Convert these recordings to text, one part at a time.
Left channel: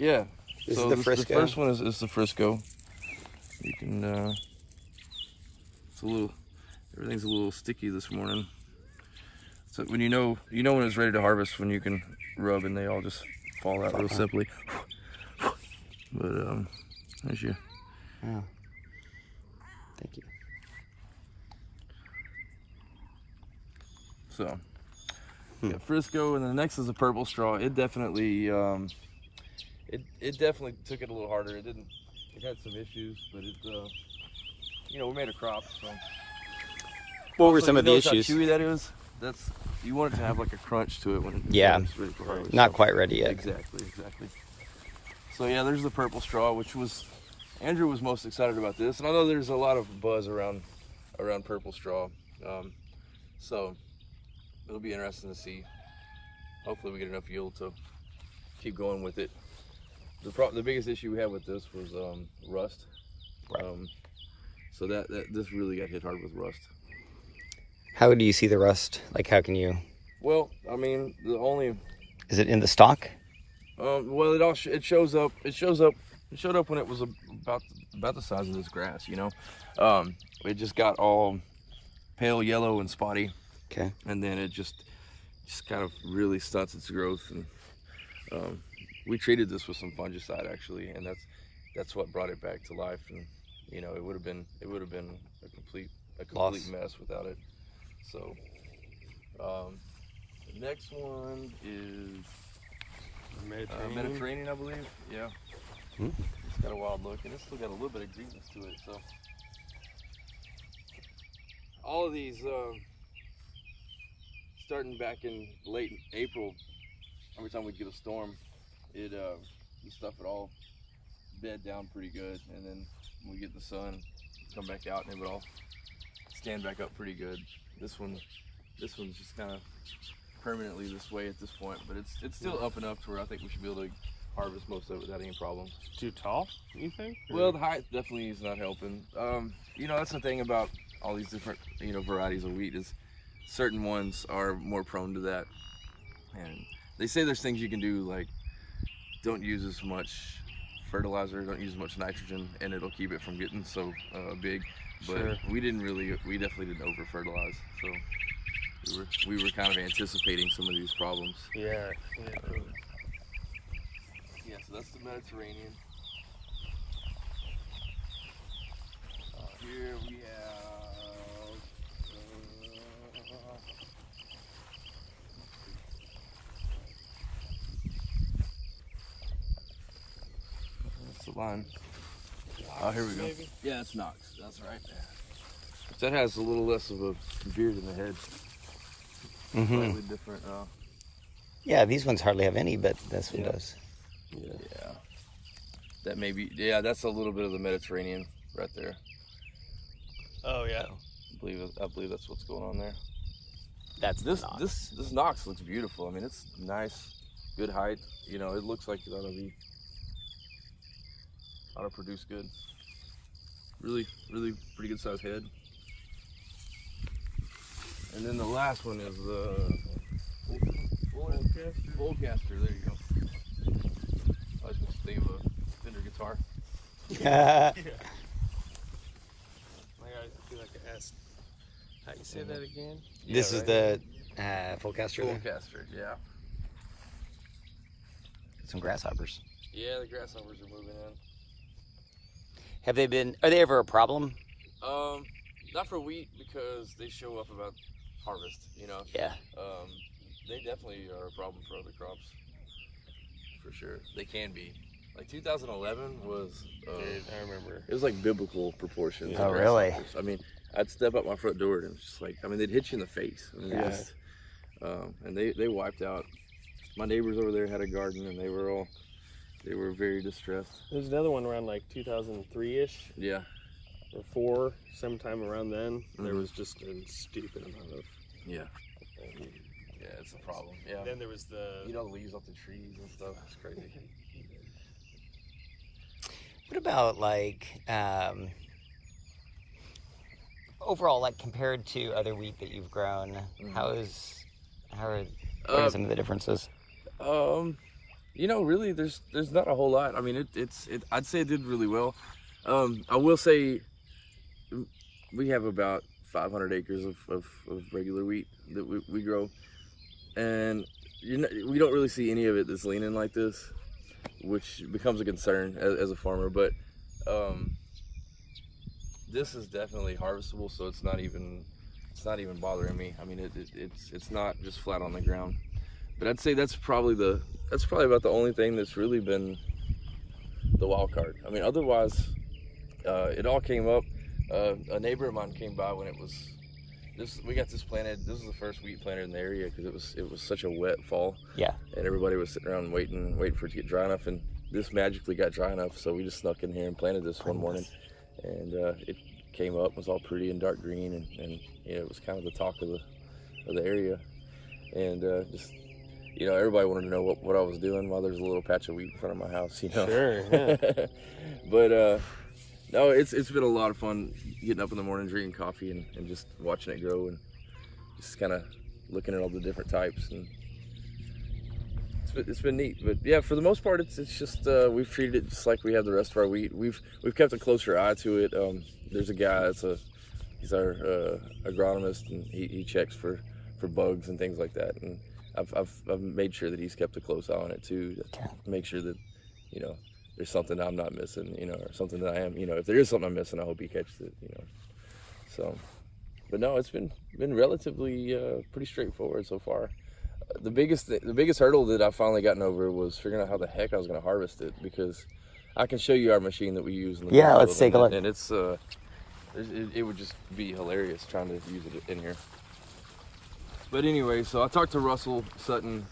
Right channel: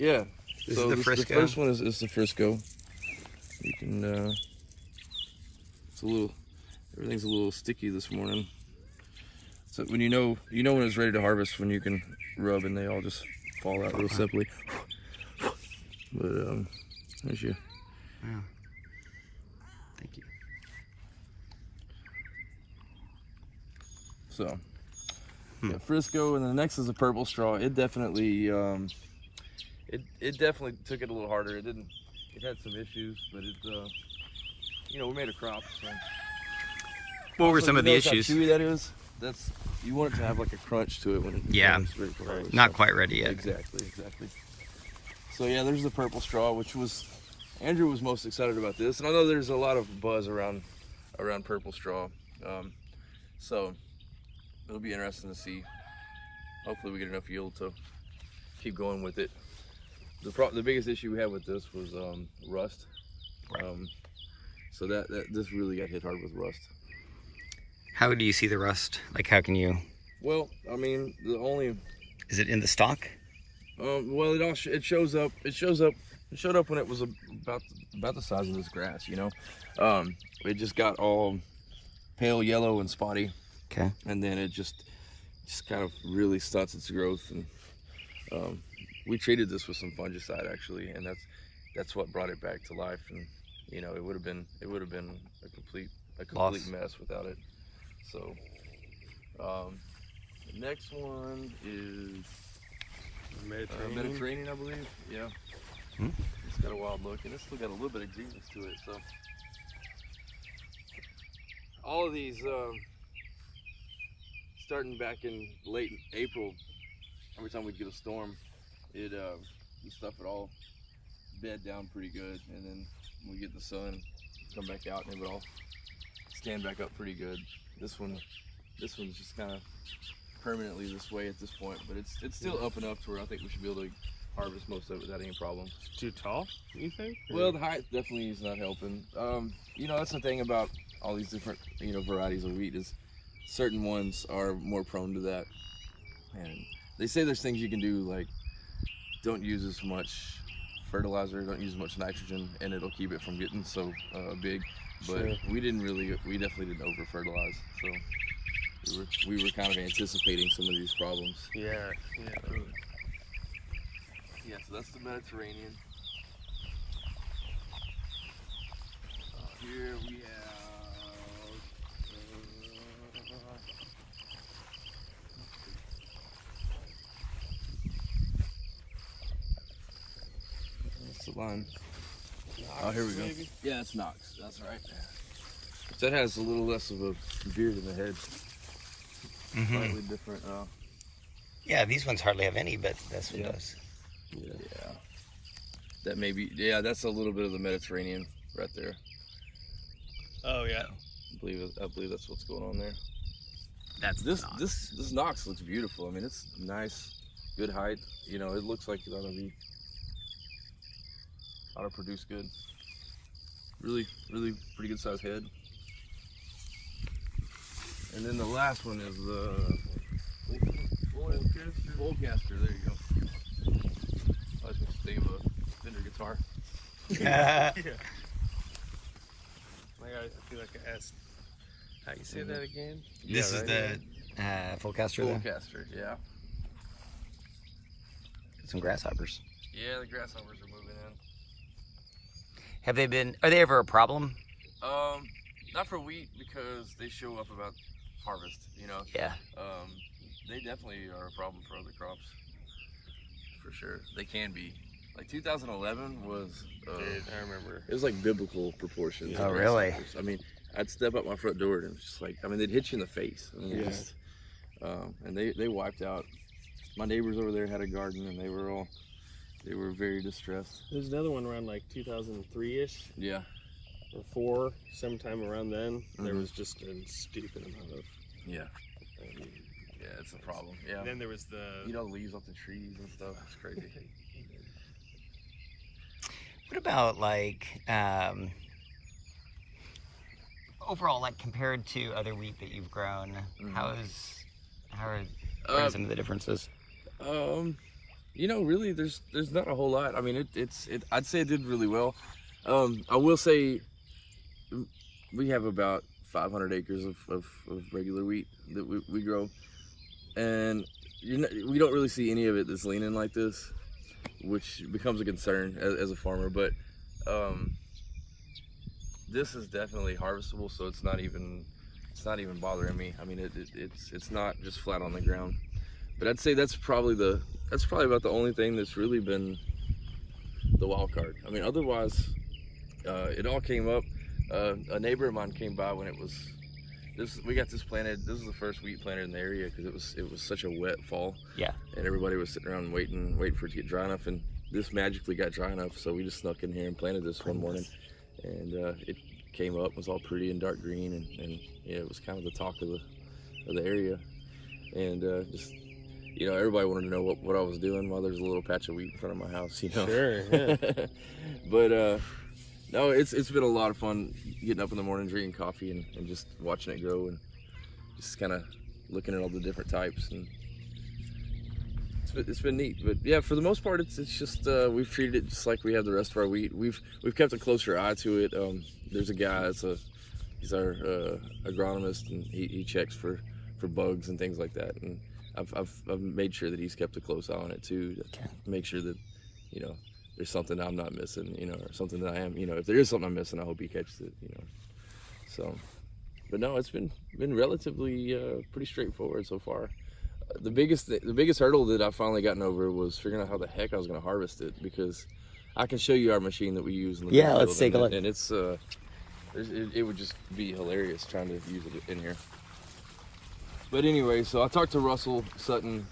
Yeah. This is the Frisco. The first one is the Frisco. You can. It's a little. Everything's a little sticky this morning. So when you know when it's ready to harvest, when you can rub and they all just fall out real simply. But there's you. Wow. Thank you. So, yeah, Frisco, and then the next is a purple straw. It definitely, it definitely took it a little harder. It didn't. It had some issues, but it, we made a crop. So. What were some of the issues? How chewy that is? You want it to have like a crunch to it when it's ready for harvest. Not quite ready yet. Exactly. So yeah, there's the purple straw, which was Andrew was most excited about this, and I know there's a lot of buzz around purple straw. So it'll be interesting to see. Hopefully we get enough yield to keep going with it. The biggest issue we had with this was rust. Right. So that this really got hit hard with rust. How do you see the rust? Like, how can you? Well, I mean, Is it in the stalk? Well, it shows up. It showed up when it was about the size of this grass. It just got all pale yellow and spotty. Okay. And then it just kind of really stunts its growth, and we treated this with some fungicide actually, and that's what brought it back to life. And it would have been a complete mess without it. So the next one is Mediterranean, I believe. Yeah. It's got a wild look, and it's still got a little bit of greenness to it. So all of these, starting back in late April, every time we get a storm, we stuff it all bed down pretty good, and then when we get the sun, come back out, and it would all stand back up pretty good. This one's just kind of permanently this way at this point, but it's still up and up to where I think we should be able to harvest most of it without any problem. Too tall, you think? Well, the height definitely is not helping. That's the thing about all these different varieties of wheat is certain ones are more prone to that, and they say there's things you can do, like don't use as much fertilizer, don't use as much nitrogen, and it'll keep it from getting so big. But sure. we definitely didn't over fertilize, so we were kind of anticipating some of these problems. Yeah. Yeah, so that's the Mediterranean. Here we have that's the line. Oh, here we go. Maybe? Yeah, it's Knox. That's right. That has a little less of a beard in the head. Slightly different. Yeah, these ones hardly have any, but this one does. Yeah. That may be. Yeah, that's a little bit of the Mediterranean right there. Oh yeah. I believe that's what's going on there. That's This Knox looks beautiful. I mean, it's nice, good height. It looks like it ought to produce good. Really, really pretty good sized head. And then the last one is Volcaster. There you go. I was going to stave a Fender guitar. My guys feel like I asked. How you say that again? This is the Volcaster there. Volcaster, yeah. Some grasshoppers. Yeah, the grasshoppers are moving in. Are they ever a problem? Not for wheat, because they show up about harvest, Yeah. They definitely are a problem for other crops, for sure. They can be. Like 2011 was, I remember. it was like biblical proportions. Oh, really? I mean, I'd step up my front door and it's just like, they'd hit you in the face. And they wiped out. My neighbors over there had a garden, and they were very distressed. There's another one around like 2003-ish. Yeah. Or 4, sometime around then. There was just a stupid amount of. Yeah. Yeah, it's a problem. Yeah. And then there was the. Leaves off the trees and stuff. It's crazy. What about overall, compared to other wheat that you've grown, how are some of the differences? Really, there's not a whole lot. I mean, I'd say it did really well. I will say we have about 500 acres of regular wheat that we grow, and we don't really see any of it that's leaning like this, which becomes a concern as a farmer. But this is definitely harvestable, so it's not even bothering me. I mean, it's not just flat on the ground. But I'd say that's probably about the only thing that's really been the wild card. I mean, otherwise, it all came up. A neighbor of mine came by when we got this planted. This is the first wheat planted in the area because it was such a wet fall. Yeah. And everybody was sitting around waiting for it to get dry enough, and this magically got dry enough. So we just snuck in here and planted this one morning, and it came up, was all pretty and dark green, and it was kind of the talk of the area, and just. Everybody wanted to know what I was doing while there's a little patch of wheat in front of my house, Sure, yeah. But no, it's been a lot of fun getting up in the morning, drinking coffee, and just watching it grow, and just kind of looking at all the different types, and it's been neat. But yeah, for the most part, it's just we've treated it just like we have the rest of our wheat. We've kept a closer eye to it. There's a guy he's our agronomist, and he checks for bugs and things like that, and I've made sure that he's kept a close eye on it too, to make sure that there's something I'm not missing, or something that I am, if there is something I'm missing, I hope he catches it, So, but no, it's been relatively pretty straightforward so far. The biggest hurdle that I've finally gotten over was figuring out how the heck I was going to harvest it, because I can show you our machine that we use in the Yeah, let's take a look. And it would just be hilarious trying to use it in here. But anyway, so I talked to Russell Sutton.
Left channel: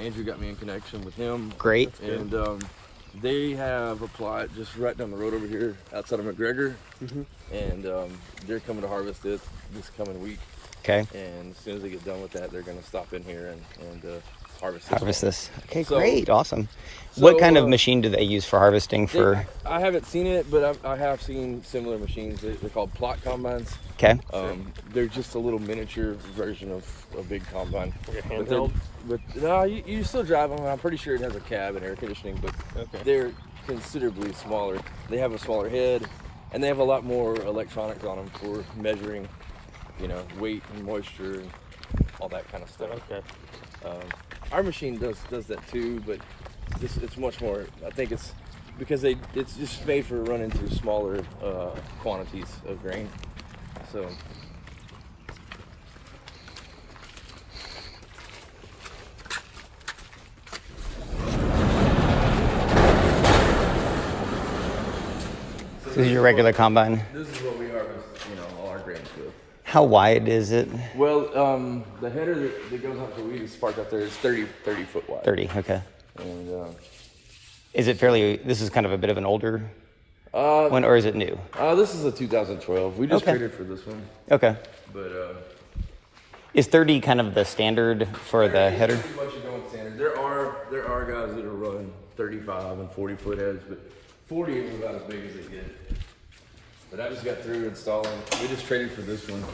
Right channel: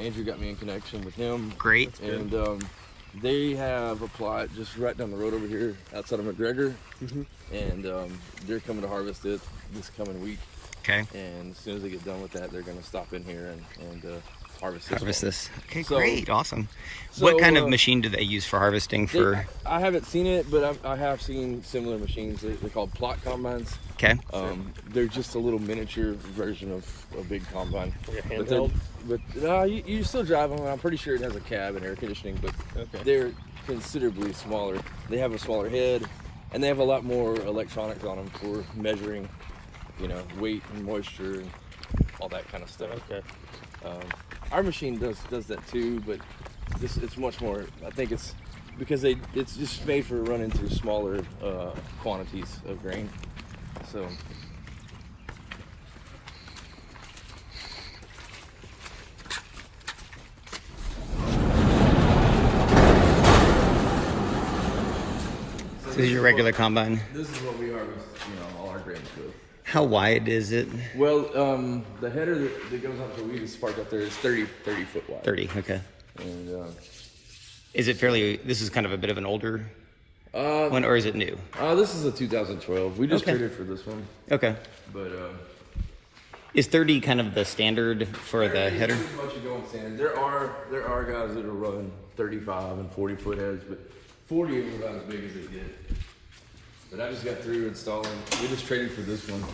Andrew got me in connection with him. Great. And they have applied just right down the road over here outside of McGregor. And they're coming to harvest it this coming week. Okay. And as soon as they get done with that, they're going to stop in here and harvest this. Okay, So- great, awesome. so, What kind of machine do they use for harvesting? I haven't seen it, but I have seen similar machines. They're called plot combines. Okay. They're just a little miniature version of a big combine. Like You still drive them. I'm pretty sure it has a cab and air conditioning, but they're considerably smaller. They have a smaller head, and they have a lot more electronics on them for measuring, weight and moisture and all that kind of stuff. Okay. Our machine does that too, but it's much more. I think it's because it's just made for running through smaller quantities of grain. So. This is your regular combine. This is what we harvest, all our grains with. How wide is it? Well, the header that goes up the wheat is parked up there is 30 foot wide. 30, okay. And Is it this is kind of a bit of an older one, or is it new? this is a 2012. We just Okay. traded for this one. Okay. But Is 30 kind of the standard for the header? pretty much a going standard. There are guys that are running 35 and 40 foot heads, but 40 is about as big as they get. But I just got through installing. We just traded for this one,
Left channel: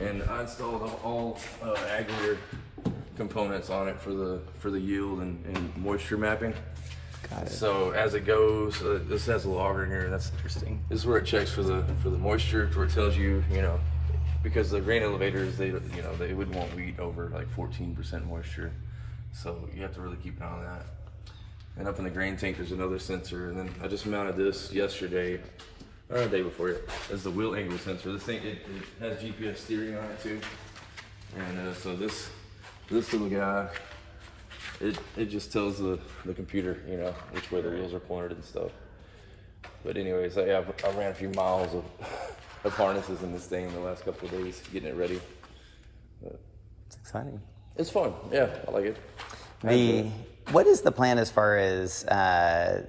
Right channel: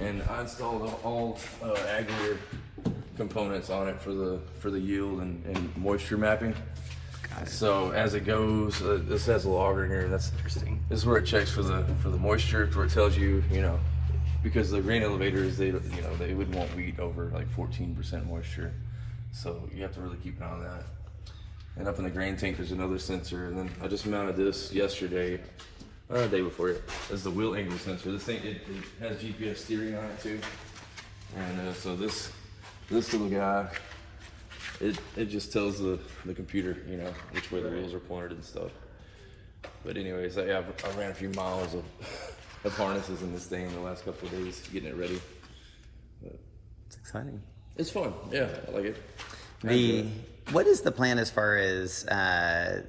and I installed all aggregate components on it for the yield and moisture mapping. So as it goes, this has a logger in here. That's interesting. This is where it checks for the moisture, where it tells you, because the grain elevators, they would want wheat over like 14% moisture. So you have to really keep an eye on that. And up in the grain tank, there's another sensor. And then I just mounted this yesterday, or the day before it. This is the wheel angle sensor. This thing, it has GPS steering on it too. And so this little guy, it just tells the computer, which way the wheels are pointed and stuff. But anyways, I ran a few miles of harnesses in this thing in the last couple of days, getting it ready. But It's exciting. it's fun. Yeah, I like it. What is the plan as far as,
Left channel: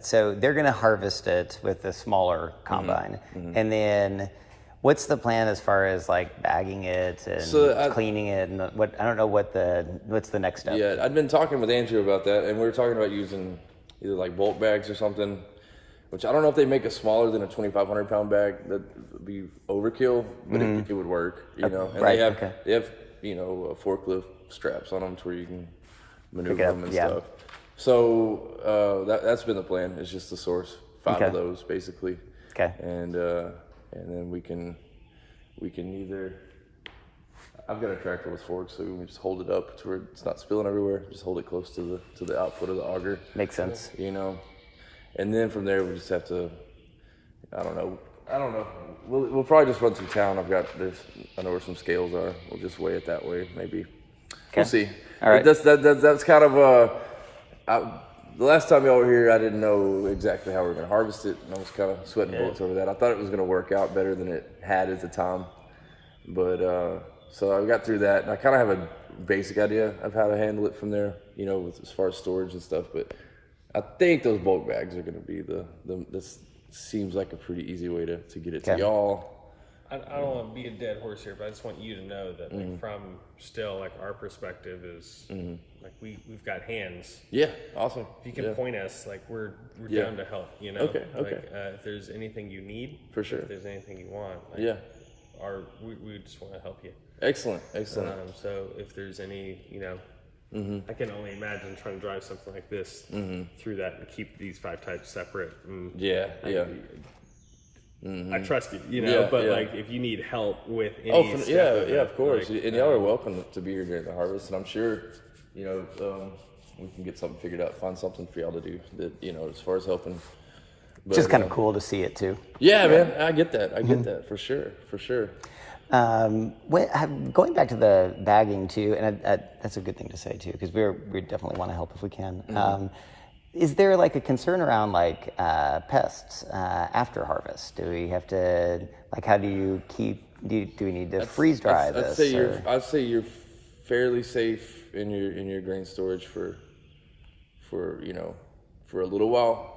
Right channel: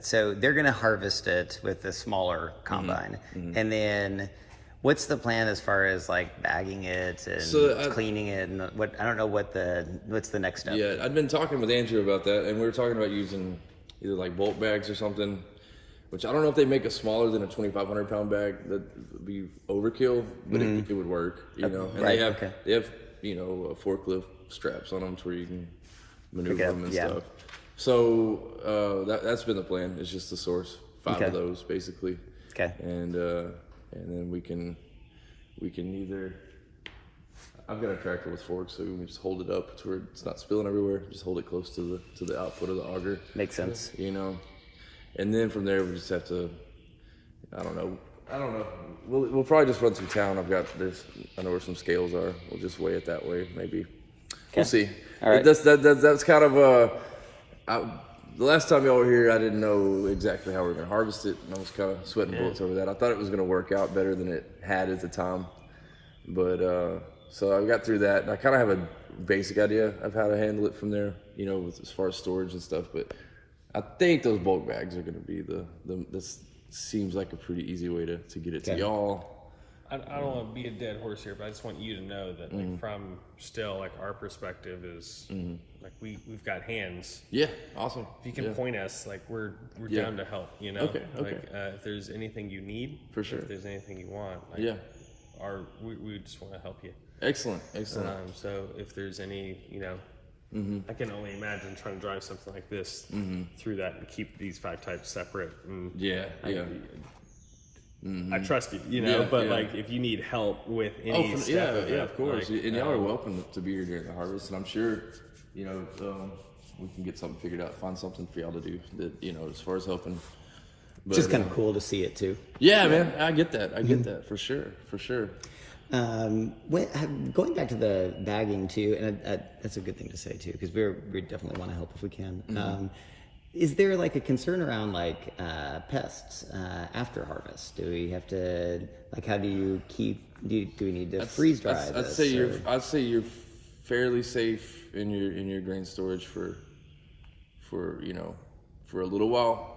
so they're going to harvest it with the smaller combine, and then what's the plan as far as like bagging it and cleaning it, and I don't know what's the next step? Yeah, I'd been talking with Andrew about that, and we were talking about using either like bulk bags or something, which I don't know if they make a smaller than a 2,500 pound bag. That'd be overkill, but it would work, And Right, they have forklift straps on them to where you can maneuver them and stuff. So that's been the plan. Is just to source 5 of those basically. Okay. And then we can either. I've got a tractor with forks, so we can just hold it up to where it's not spilling everywhere. Just hold it close to the output of the auger. Makes sense. You know, and then from there we just have to. I don't know. We'll probably just run through town. I know where some scales are. We'll just weigh it that way, maybe. Okay. We'll see. All right. That's kind of the last time y'all were here, I didn't know exactly how we were going to harvest it, and I was kind of sweating bullets over that. I thought it was going to work out better than it had at the time, but so I got through that, and I kind of have a basic idea of how to handle it from there, you know, as far as storage and stuff. But I think those bulk bags are going to be this seems like a pretty easy way to get it to y'all. I don't want to be a dead horse here, but I just want you to know that from still like our perspective is like we've got hands. Yeah, awesome. If you can point us, like we're down to help. You know. Okay. Like, if there's anything you need, for sure. If there's anything you want, like, we just want to help you. Excellent. So if there's any, you know. I can only imagine trying to drive something like this through that and keep these 5 types separate. And I trust you, you know. But like, if you need help with any step of course. like, and y'all are welcome to be here during the harvest. And I'm sure, you know, we can get something figured out, find something for y'all to do that, you know, as far as helping. But, just kind of cool to see it too. Yeah, man, I get that. I get that for sure. Going back to the bagging too, and that's a good thing to say too, because we definitely want to help if we can. Is there like a concern around like pests after harvest? Do we have to like how do you keep? Do we need to freeze dry this? I'd say you're fairly safe in your grain storage for you know for a little while.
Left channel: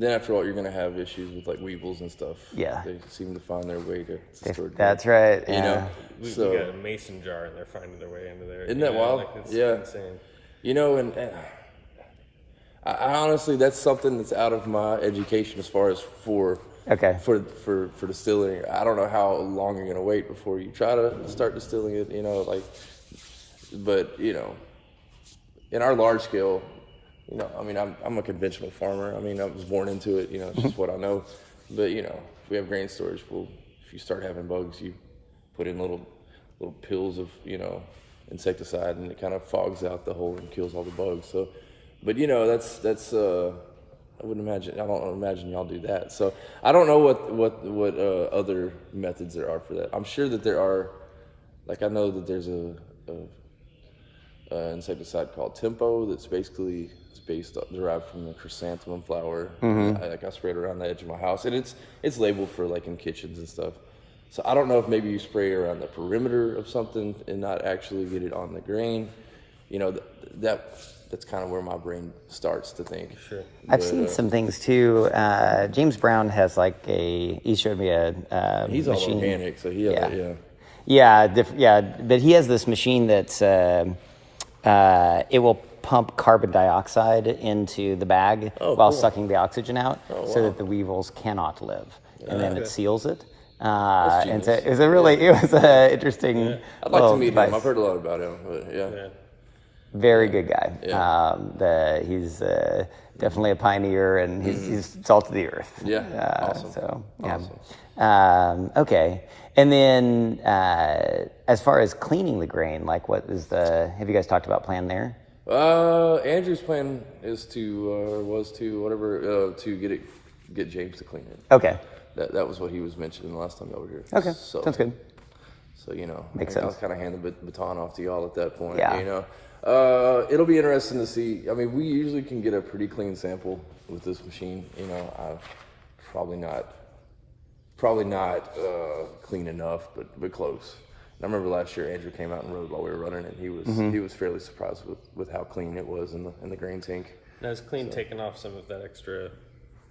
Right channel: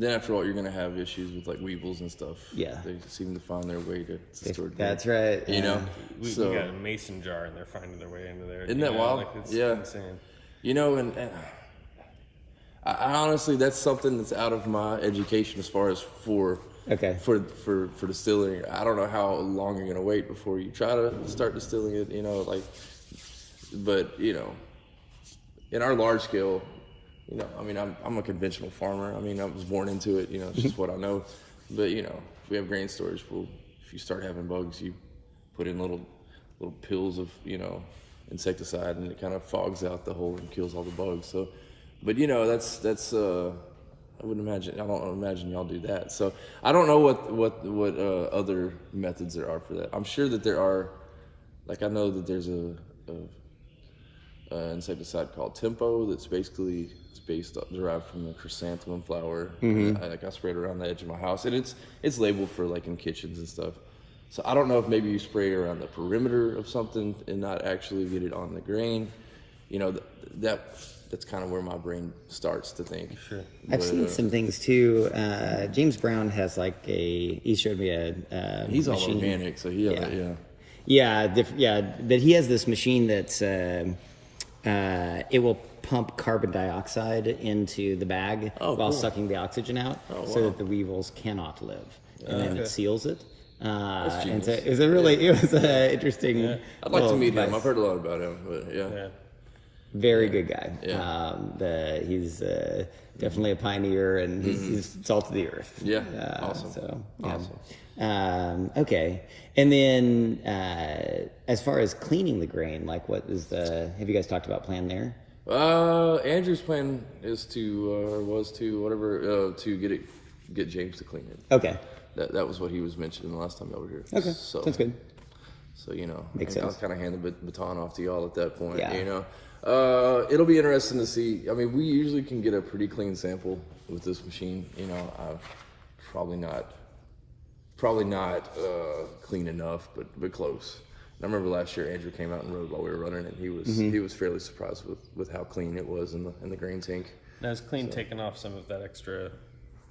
Then after all, you're going to have issues with like weevils and stuff. Yeah. They seem to find their way to store. That's right. You know? We got a mason jar and they're finding their way into there. Isn't that wild? Like, insane. You know, and I honestly, that's something that's out of my education as far as for distilling. I don't know how long you're going to wait before you try to start distilling it, you know, like, but, you know, in our large scale, you know, I mean, I'm a conventional farmer. I mean, I was born into it. You know, it's just what I know. But you know, if we have grain storage, if you start having bugs, you put in little pills of insecticide, and it kind of fogs out the hole and kills all the bugs. So, but you know, that's I don't imagine y'all do that. So I don't know what other methods there are for that. I'm sure that there are. Like I know that there's a insecticide called Tempo that's basically derived from the chrysanthemum flower. I spray it around the edge of my house, and it's labeled for like in kitchens and stuff. So I don't know if maybe you spray around the perimeter of something and not actually get it on the grain. You know, that's kind of where my brain starts to think. Sure. I've seen some things too. James Brown has like he showed me a he's machine. All organic, so but he has this machine that's it will pump carbon dioxide into the bag while sucking the oxygen out, so that the weevils cannot live, and then it seals it. And so it was interesting. I'd like to meet him. I've heard a lot about him, but very good guy. He's definitely a pioneer, and he's salt of the earth. Awesome. So awesome. Okay, and then as far as cleaning the grain, like what is have you guys talked about plan there? Andrew's plan is to get James to clean it. Okay. That was what he was mentioning the last time y'all were here. Okay, sounds good. So, you know, makes sense. I was kind of handing the baton off to y'all at that point, you know. It'll be interesting to see. I mean, we usually can get a pretty clean sample with this machine. You know, probably not clean enough, but close. And I remember last year Andrew came out and rode while we were running, and he was fairly surprised with how clean it was in the grain tank. Now it's clean, taking off some of that extra.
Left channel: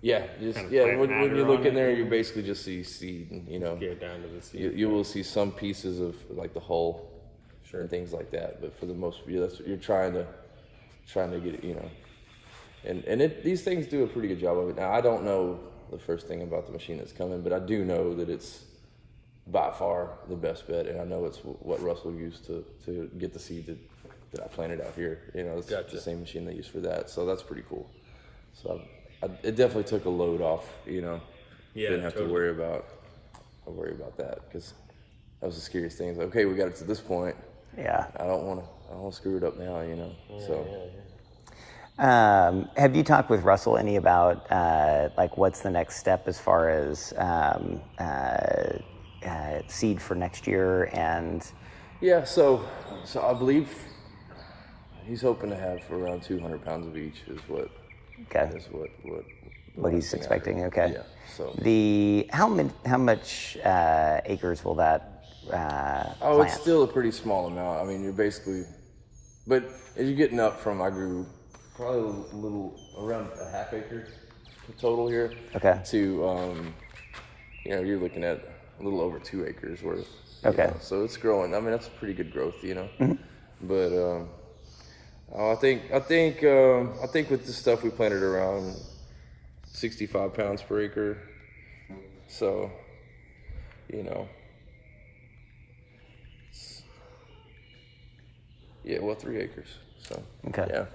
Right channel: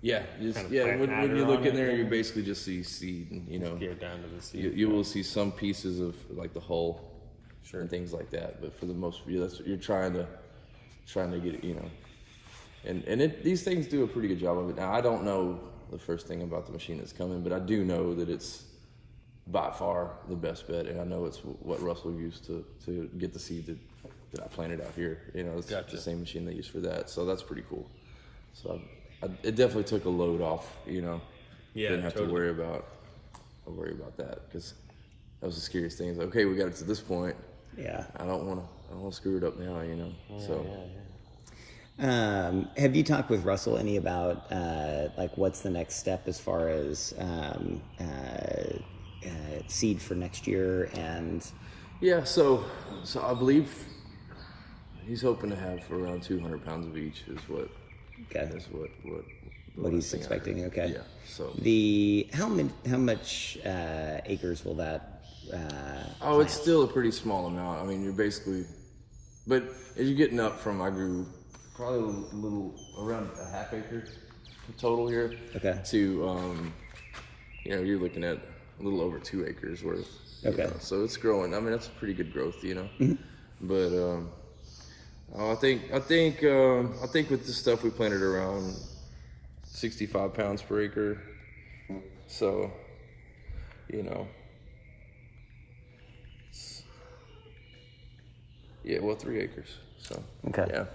Yeah, when you look in there, you basically just see seed, and you know, get down to the seed. You will see some pieces of like the hull and things like that, but for the most part, that's what you're trying to get it, you know. And these things do a pretty good job of it. Now I don't know the first thing about the machine that's coming, but I do know that it's by far the best bet, and I know it's what Russell used to get the seed that I planted out here. You know, it's the same machine they use for that. So that's pretty cool. So it definitely took a load off, you know. Didn't have to worry about that, because that was the scariest thing. It's like, okay, we got it to this point. Yeah. I don't want to screw it up now, you know. So. Have you talked with Russell any about like what's the next step as far as seed for next year? And yeah, so I believe he's hoping to have around 200 pounds of each is what he's expecting. Okay. Yeah. So how much acres will that? Plant? It's still a pretty small amount. I mean, you're basically, but as you're getting up from, I grew probably a little around a half acre total here. Okay. To you know, you're looking at a little over 2 acres worth. Okay. You know, so it's growing. I mean, that's pretty good growth, you know. Mm-hmm. But I think with this stuff we planted around 65 pounds per acre. So, you know. Yeah, well, 3 acres. So. Okay. Yeah.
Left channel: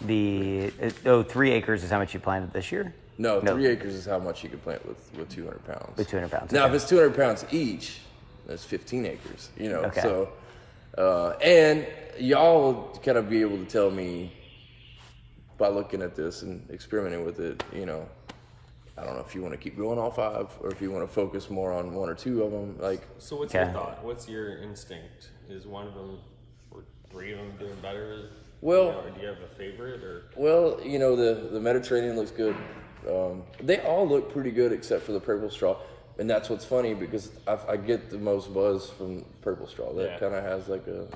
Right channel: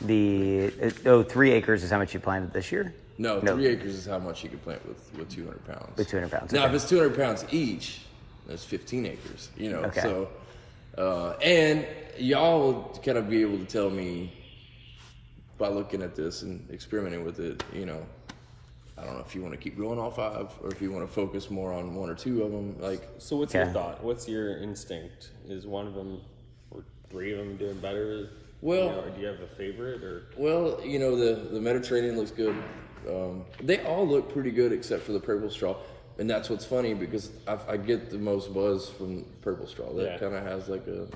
3 acres is how much you planted this year? No, 3 acres is how much you can plant with 200 pounds. With 200 pounds. Now, okay. if it's 200 pounds each, that's 15 acres, you know. Okay. So, and y'all will kind of be able to tell me by looking at this and experimenting with it, you know, I don't know if you want to keep going all 5 or if you want to focus more on 1 or 2 of them. Like, so what's your thought? What's your instinct? Is one of them or 3 of them doing better? Well, you know, do you have a favorite or? Well, you know, the Mediterranean looks good. They all look pretty good except for the purple straw, and that's what's funny because I get the most buzz from purple straw. That kind of has like a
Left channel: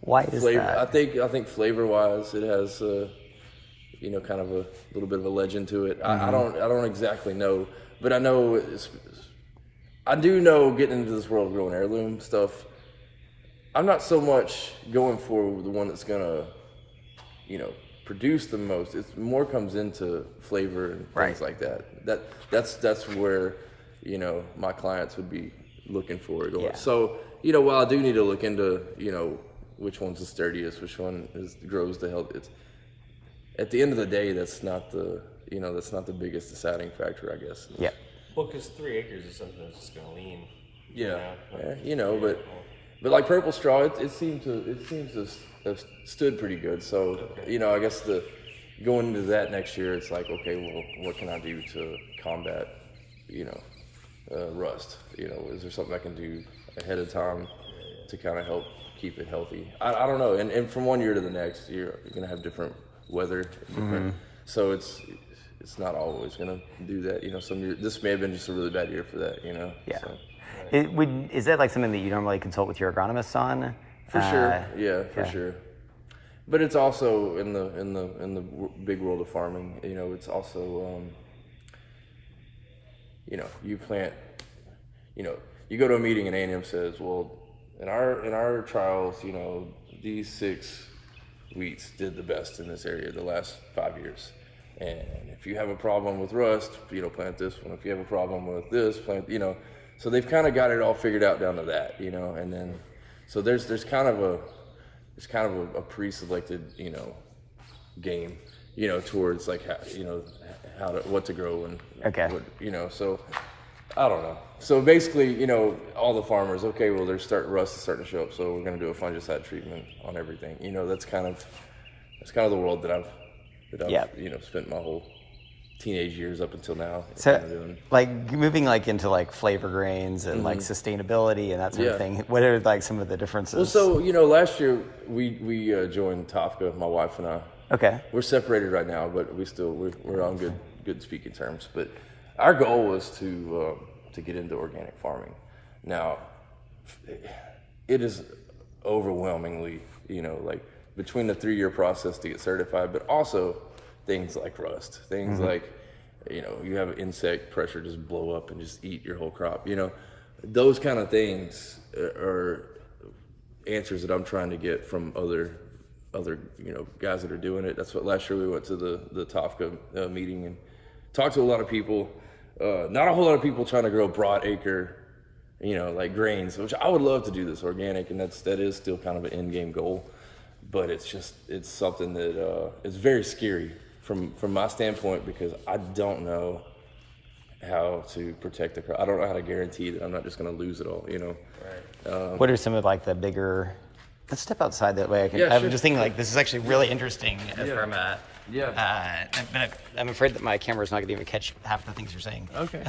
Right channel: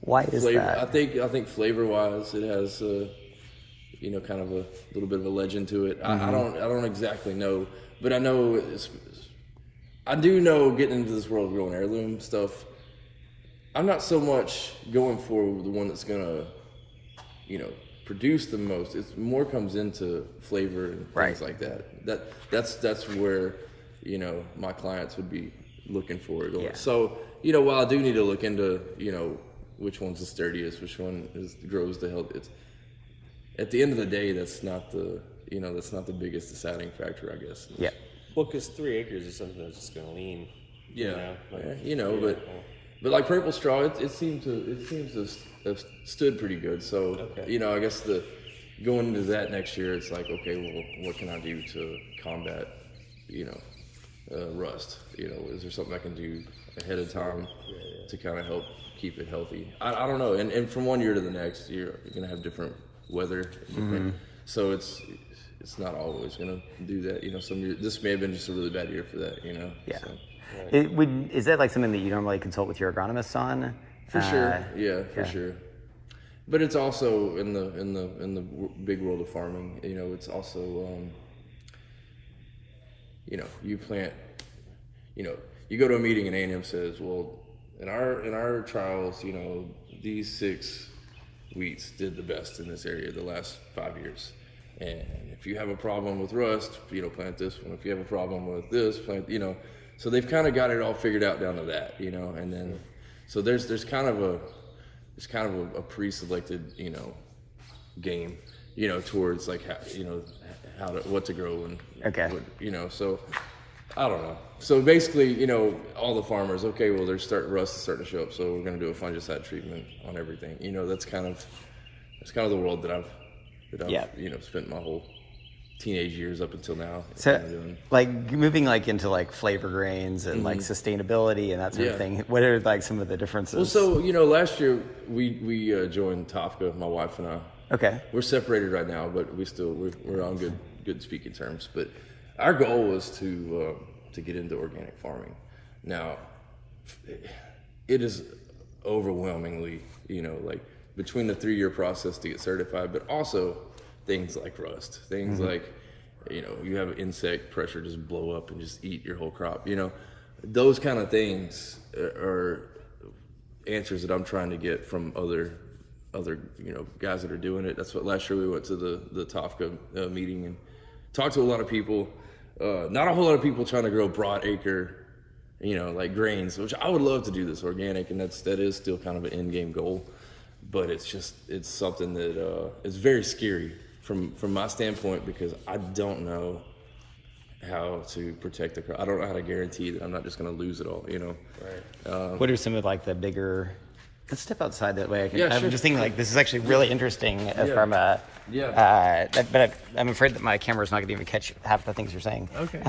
why is flavor. that? I think flavor wise, it has you know, kind of a little bit of a legend to it. Mm-hmm. I don't exactly know, but I know I do know getting into this world of growing heirloom stuff. I'm not so much going for the one that's gonna, you know, produce the most. It's more comes into flavor and things like that. That's where, you know, my clients would be looking for it. Yeah. So, you know, while I do need to look into, you know, which one's the sturdiest, which one grows the health. It's at the end of the day, that's not the biggest deciding factor, I guess. Yeah. Well, because 3 acres is something that's just gonna lean. Yeah. You know, but like purple straw, it seems to have stood pretty good. So, you know, I guess going into that next year, it's like, okay, well, what can I do to combat, you know, rust? You know, is there something I can do ahead of time to kind of help keep it healthy? I don't know. And from one year to the next, you're gonna have different weather, so it's not always gonna do that. You know, some year, this may have been just a really bad year for that. You know. Yeah. So. Is that like something that you normally consult with your agronomist on? For sure, for sure. But it's also in the big world of farming. You know, it's also you know, you plant. You know, you go to a meeting and A&M says, well, in our trials, you know, these 6 wheats did the best in this area the last 5 years. And if you have a problem with rust, you know, plant this one. If you have a problem with this, plant, you know. So they've kind of got it all figured out down to that, you know. And then, so there's kind of a pre-selected, you know, game, you know, towards like how, you know, what to grow and what, you know. So I don't know. So basically, you know, all the farmers, okay, well, rust is starting to show up, so we're going to do a fungicide treatment on everything. You know, that's kind of the world that I've you know, spent my whole teenage years up until now. So, like moving like into like flavor grains and like sustainability and that sort of thing. What are like some of the differences? Well, so you know, last year we joined Tofka, my wife and I. Okay. We're separated right now, but we're on good speaking terms. But our goal was to get into organic farming. Now, it is overwhelmingly, you know, like between the 3-year process to get certified, but also things like rust, things like, you know, you have an insect pressure just blow up and just eat your whole crop. You know, those kind of things are answers that I'm trying to get from other you know, guys that are doing it. That's what last year we went to the Tofka meeting and talked to a lot of people. Not a whole lot of people trying to grow broad acre, you know, like grains, which I would love to do this organic, and that is still kind of an end game goal. but it's something that is very scary from my standpoint, because I don't know how to protect the crop. I don't know how to guarantee that I'm not just going to lose it all, you know. What are some of like the bigger? Let's step outside that way. Yeah, I'm sure. just thinking like this is actually really interesting from a. Yeah. But I'm afraid that my camera's not going to even catch half the things you're saying. Okay.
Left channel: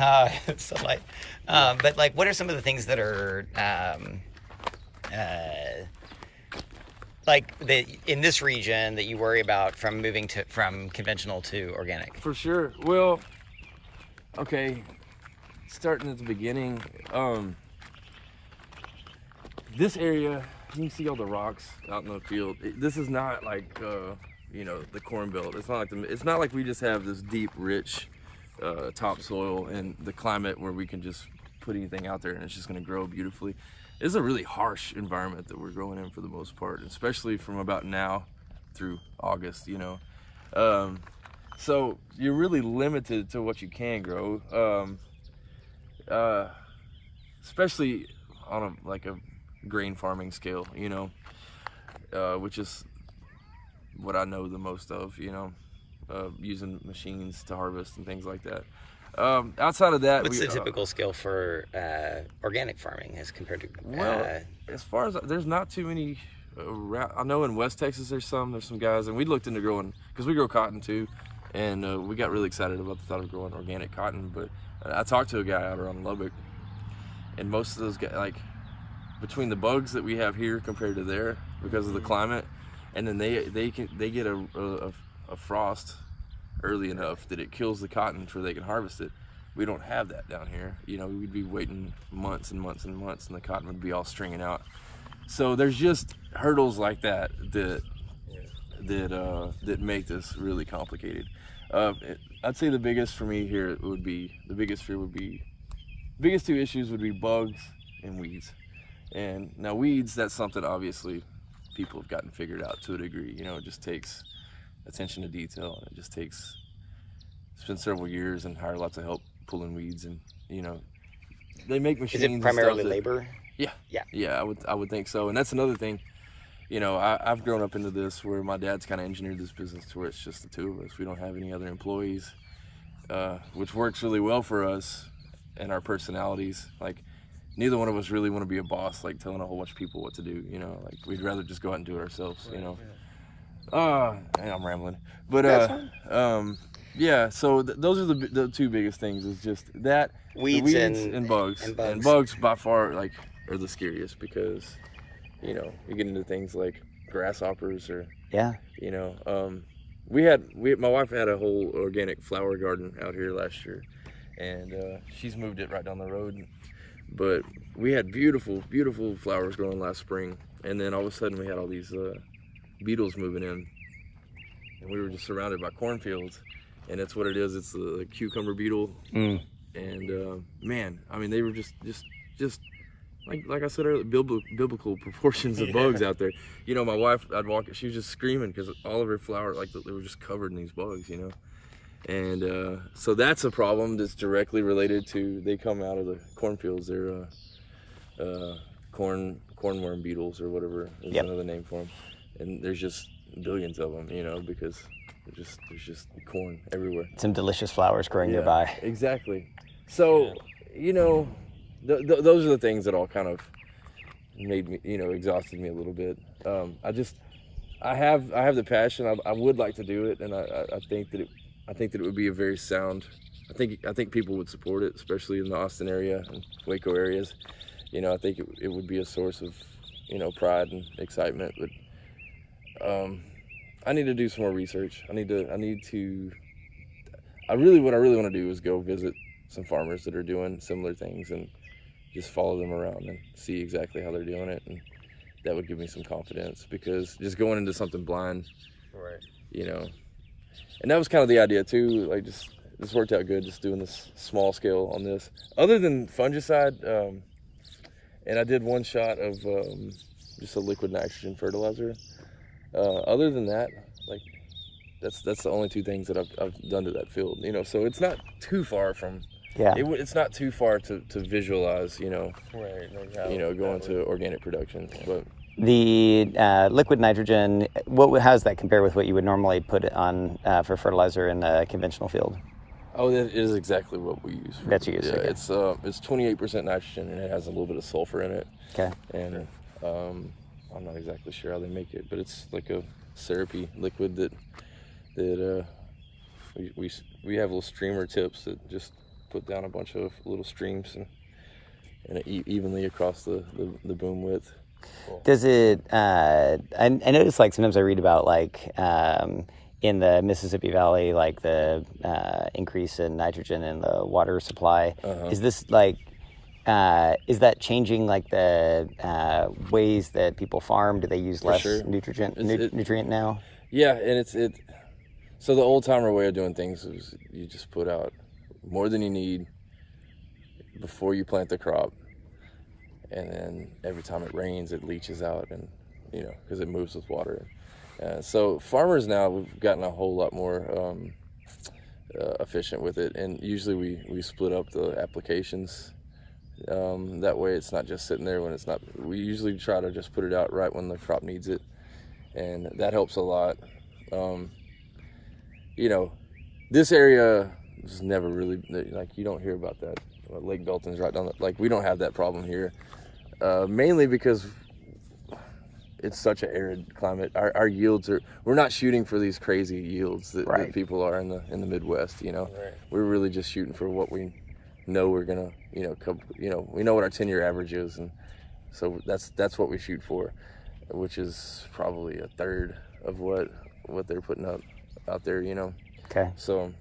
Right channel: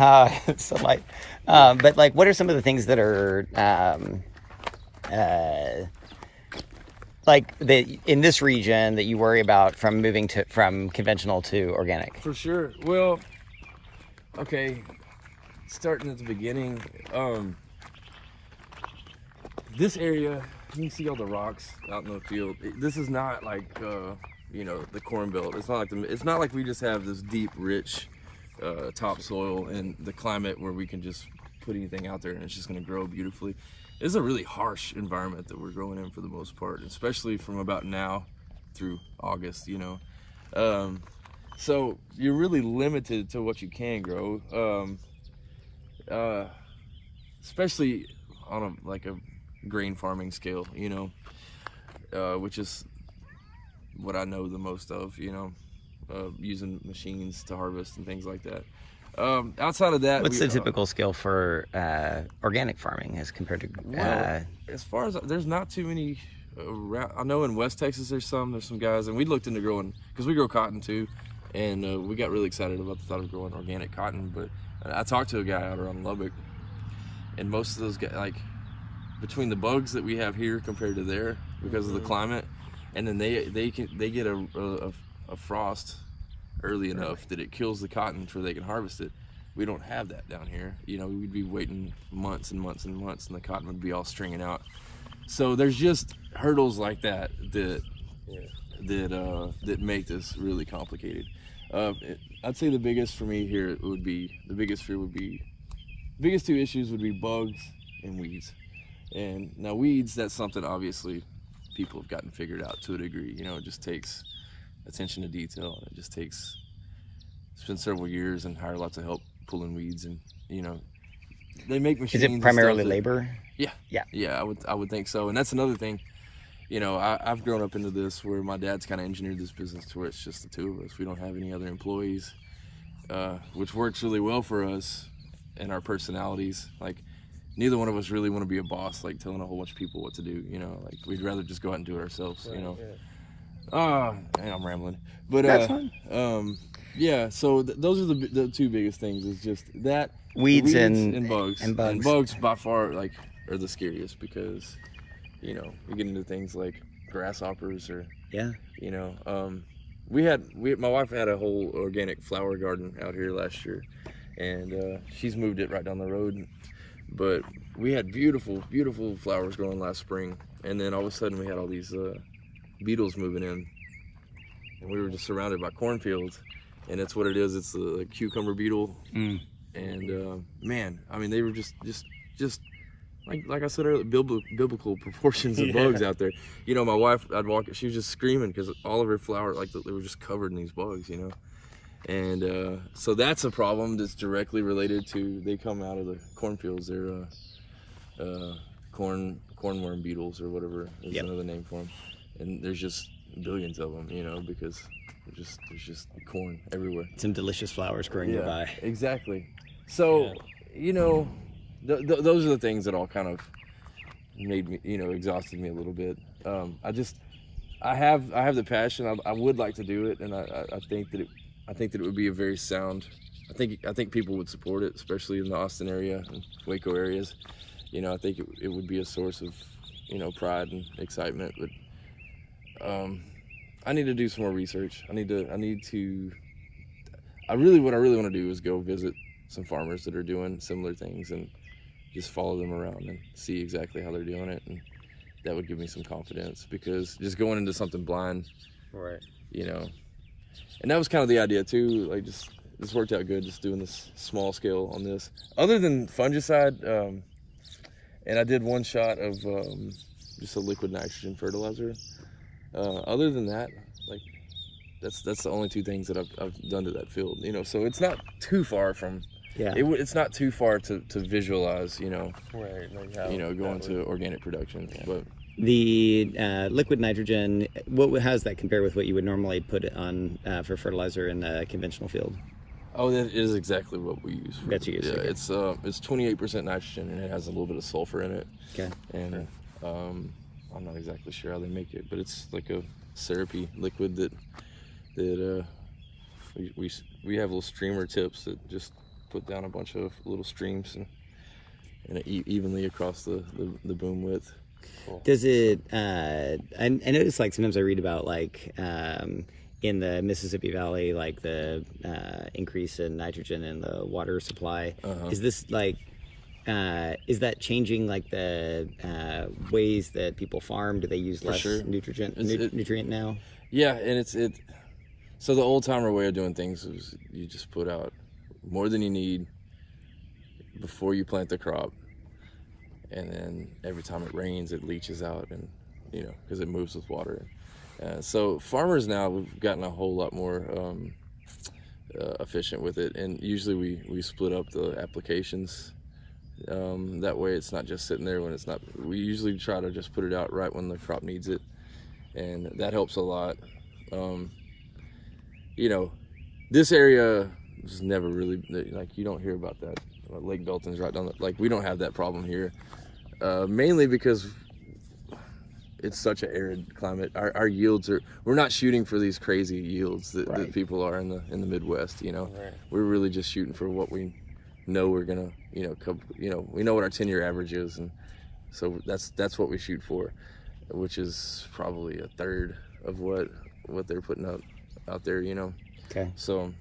So like, but like, what are some of the things that are like in this region that you worry about from moving from conventional to organic? For sure. Well, okay, starting at the beginning, this area, you can see all the rocks out in the field. This is not like the Corn Belt. It's not like we just have this deep, rich topsoil and the climate where we can just put anything out there and it's just going to grow beautifully. It's a really harsh environment that we're growing in for the most part, especially from about now through August, you know. So you're really limited to what you can grow, especially on a grain farming scale, you know, which is what I know the most of, you know, using machines to harvest and things like that. Outside of that, what's the typical scale for organic farming as compared to? As far as there's not too many around. I know in West Texas there's some guys, and we looked into growing, because we grow cotton too, and we got really excited about the thought of growing organic cotton. But I talked to a guy out around Lubbock, and most of those guys, like between the bugs that we have here compared to there because of the climate, and then they get a frost early enough that it kills the cotton before they can harvest it. We don't have that down here. You know, we'd be waiting months and months and months, and the cotton would be all stringing out. So there's just hurdles like that make this really complicated. I'd say the biggest for me here biggest two issues would be bugs and weeds. And now weeds, that's something obviously people have gotten figured out to a degree. You know, it just takes attention to detail, and it's been several years and hired lots of help pulling weeds, and you know, they make machines. Is it primarily and stuff labor? Yeah, I would think so. And that's another thing, you know, I've grown up into this where my dad's kind of engineered this business to where it's just the two of us. We don't have any other employees, which works really well for us and our personalities. Like, neither one of us really want to be a boss, like telling a whole bunch of people what to do, you know. Like, we'd rather just go out and do it ourselves, you know. And I'm rambling, but yeah. So those are the two biggest things. Is just that weeds and bugs. And bugs by far are the scariest, because you know you get into things like grasshoppers or you know. My wife had a whole organic flower garden out here last year, and she's moved it right down the road. But we had beautiful flowers growing last spring, and then all of a sudden we had all these beetles moving in, and we were just surrounded by cornfields, and that's what it is. It's a cucumber beetle, and man, I mean, they were just like I said earlier, biblical proportions of bugs out there. You know, my wife, I'd walk, she was just screaming because all of her flowers, they were just covered in these bugs, you know. And so that's a problem that's directly related to, they come out of the cornfields. They're cornworm beetles or whatever is another name for them. And there's just billions of them, you know, because there's just corn everywhere. Some delicious flowers growing nearby. Exactly. So, you know, those are the things that all kind of made me, you know, exhausted me a little bit. I have the passion. I would like to do it, and I think that it would be a very sound. I think people would support it, especially in the Austin area and Waco areas. You know, I think it would be a source of, you know, pride and excitement. But I need to do some more research. What I really want to do is go visit some farmers that are doing similar things and just follow them around and see exactly how they're doing it, and that would give me some confidence, because just going into something blind, right, you know. And that was kind of the idea too. Like, this worked out good, just doing this small scale on this. Other than fungicide, and I did one shot of just a liquid nitrogen fertilizer. Other than that, like, that's the only two things that I've done to that field. You know, so it's not too far from. Yeah. It's not too far to visualize. You know. Right. You know, going to organic production, but The liquid nitrogen, how does that compare with what you would normally put on for fertilizer in a conventional field? Oh, that is exactly what we use. That you use. Yeah, okay. it's 28% nitrogen, and it has a little bit of sulfur in it. Okay. And I'm not exactly sure how they make it, but it's like a syrupy liquid that we have little streamer tips that just put down a bunch of little streams and evenly across the boom width. Does it? I notice like sometimes I read about like in the Mississippi Valley, like the increase in nitrogen in the water supply. Is this like? Is that changing like the ways that people farm? Do they use less nutrient now? Yeah, and so the old timer way of doing things is you just put out more than you need before you plant the crop, and then every time it rains it leaches out, and because it moves with water. So farmers now, we've gotten a whole lot more efficient with it, and usually we split up the applications. That way it's not just sitting there when it's not. We usually try to just put it out right when the crop needs it, and that helps a lot. This area is never really, like, you don't hear about that. Lake Belton's right down we don't have that problem here, mainly because it's such an arid climate. Our yields we're not shooting for these crazy yields that people are in the Midwest. We're really just shooting for what we know we're gonna, we know what our 10-year average is, and so that's what we shoot for, which is probably a third of what they're putting out there. Okay. So,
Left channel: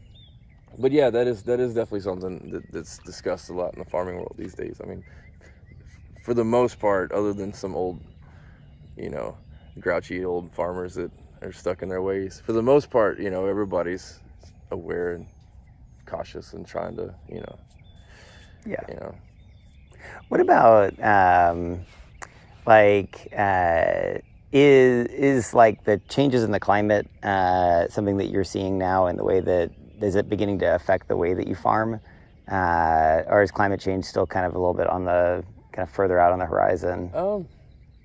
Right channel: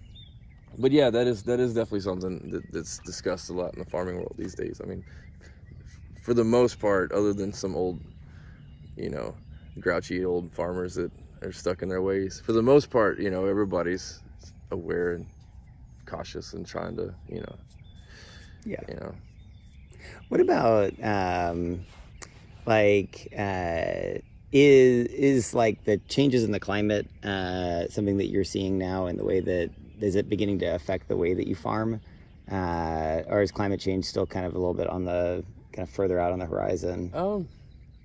but yeah, that is definitely something that's discussed a lot in the farming world these days. I mean, for the most part, other than some old, grouchy old farmers that are stuck in their ways, for the most part, everybody's aware and cautious and trying to, Yeah. What about is like the changes in the climate something that you're seeing now in the way that is it beginning to affect the way that you farm, or is climate change still kind of a little bit on the kind of further out on the horizon?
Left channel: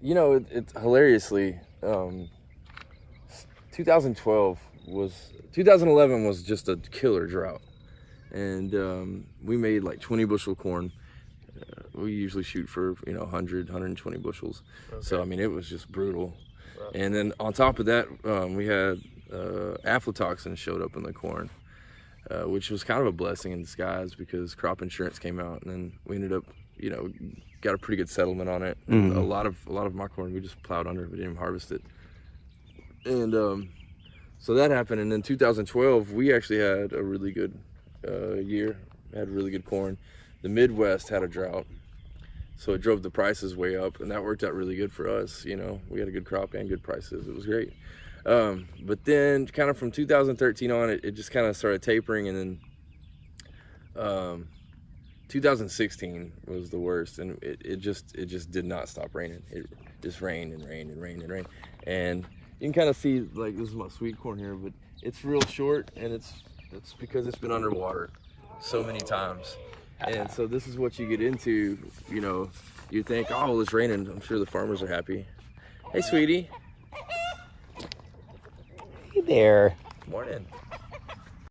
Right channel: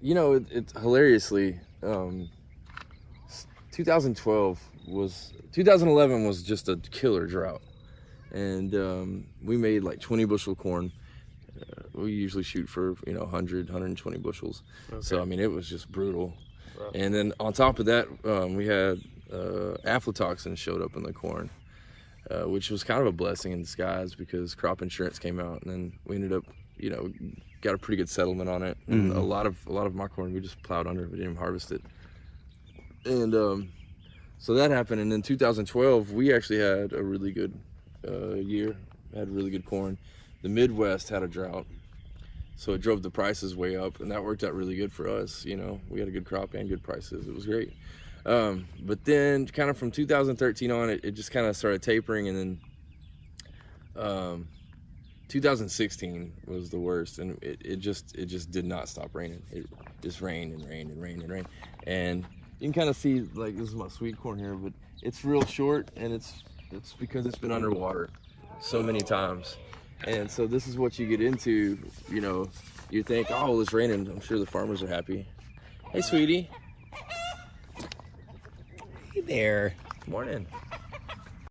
It's hilariously 2011 was just a killer drought, and we made like 20 bushel corn. We usually shoot for 100 120 bushels, so I mean it was just brutal. And then on top of that, we had aflatoxin showed up in the corn, which was kind of a blessing in disguise because crop insurance came out, and then we ended up got a pretty good settlement on it. And a lot of my corn we just plowed under, we didn't even harvest it. And so that happened. And in 2012 we actually had a really good year, had really good corn. The Midwest had a drought, so it drove the prices way up, and that worked out really good for us. We had a good crop and good prices. It was great. But then kind of from 2013 on, it just kind of started tapering, and then 2016 was the worst, and it just did not stop raining. It just rained and rained and rained and rained. And you can kind of see, like, this is my sweet corn here, but it's real short, and it's because it's been underwater so many times. And so this is what you get into, you think, oh, it's raining, I'm sure the farmers are happy. Hey, sweetie. Hey there. Good morning.